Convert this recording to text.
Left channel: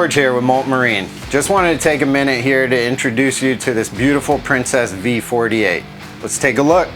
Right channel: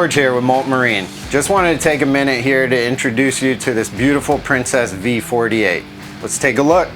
George here with Molt Marine. Just wanted to take a minute here to introduce you to this beautiful Princess V48. Let's take a look.